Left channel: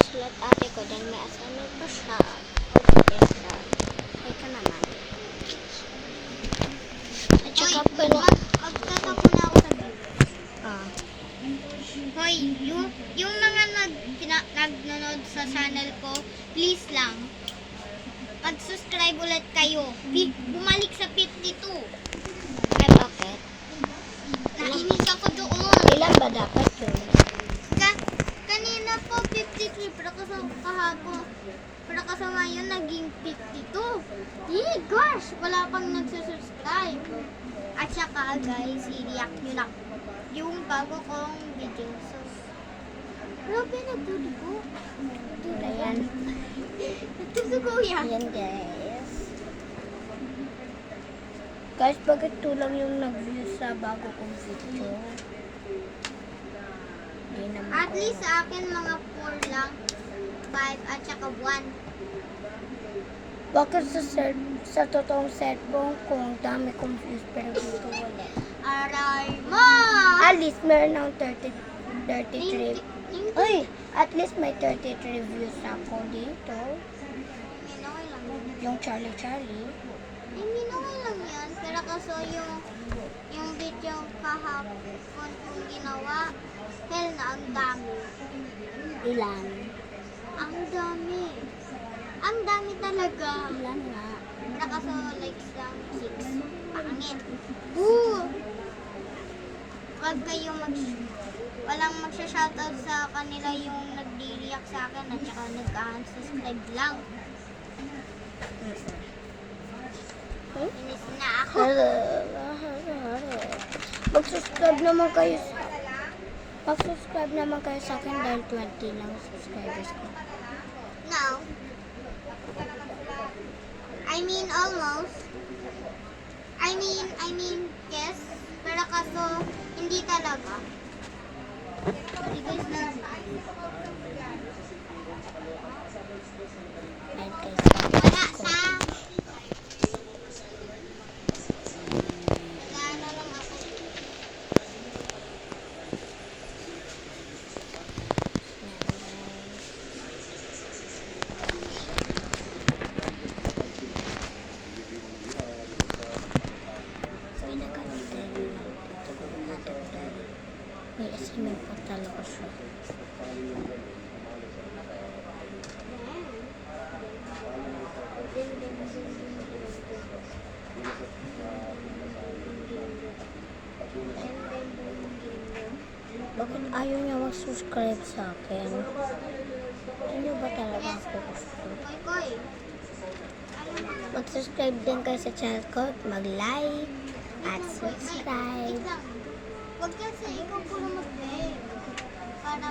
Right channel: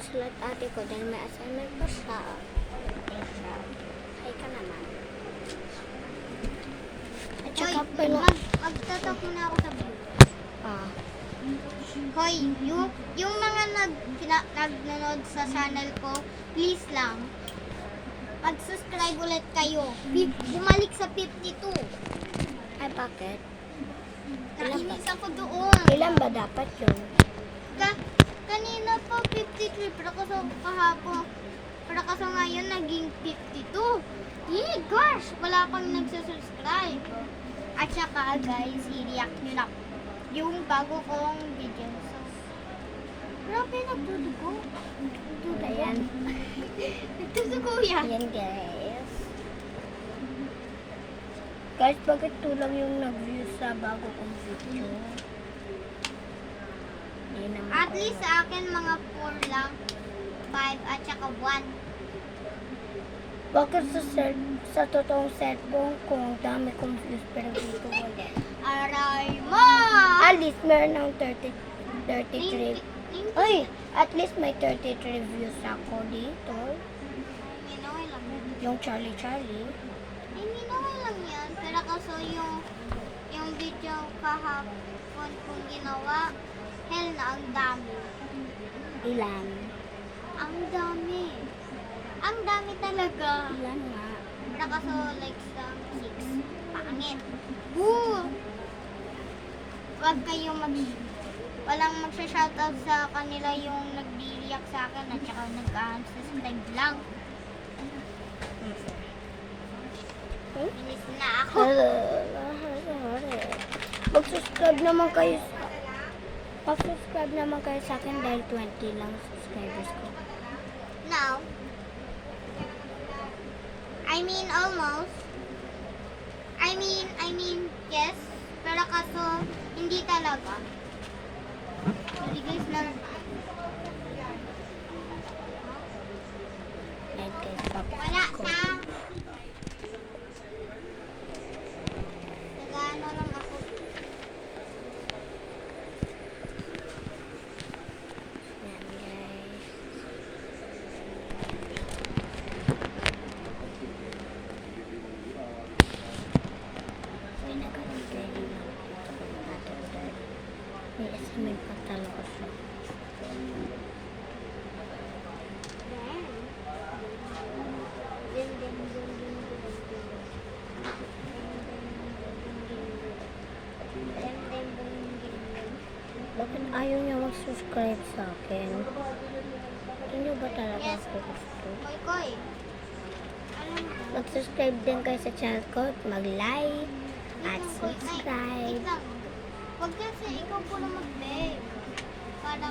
magsusulat ate ko dahil may assignment pa siya. Ay ka naman. At saka pala... Magtatak muna ako sa view. Ah. Hoy, yung mga nagnonood sa channel ko, please lang, mag-subscribe ulit kayo. Bumalik sa 52. Ay, bakit? Nainis ako doon. Ilan ba dapat yun? Kanina po 53, pero kahapon. Pero kasi ngayon naging 52. Gosh, wala pang nagsusubscribe. At saka guys, i-react nyo lang yung bago kong video. Grabe, nagdudugo. Wala yan. Nagdudugo yan. Ayan guys. Guys, bakit tulang yung nag-view sa bago kong video? Hindi naman At ko least yun. sa akin mga 4 lang. 5 at saka 1. Bakit sa totoong cellphone ko ang dami kong views pero dito wala? Aral mo! At least meron ng 33. Ay, at least may 33 views ako dito. Hindi na okay lang. Yung Charlie Charlie. Hindi na okay lang yan. Pero kaso yung video kahapon kong ginawa, hell na ang dami. Ilan? Ang dami. Ang dami talaga. Ilan nga? Pero kaso likes lang 6. Pangit. Woo! Wag kayo walang magsha-shoutout sa kanila yung nagdi-react sa akin at saka nag-unsubscribe lang. Inis na ako. Mag-subscribe naman kayo sa akin dahil 20 lang subscribers ko. Now, I mean almost. I mean yes. Pero kaso, hindi talaga. Sorry guys lang. Ayun guys, Wala ko. sa. Nagano lang ako. Yan guys. Uy, nag-antay lang dito kung natin dahil may assignment pa talaga siya. Bakit ayaw niya mag-subscribe sa akin? Ano ba talaga ako gusto? Koy koy. Mag-subscribe din kayo sa channel ko, mag-like, at Wait subscribe. lang. Huwag kasi ikaw po na mag-beg. Para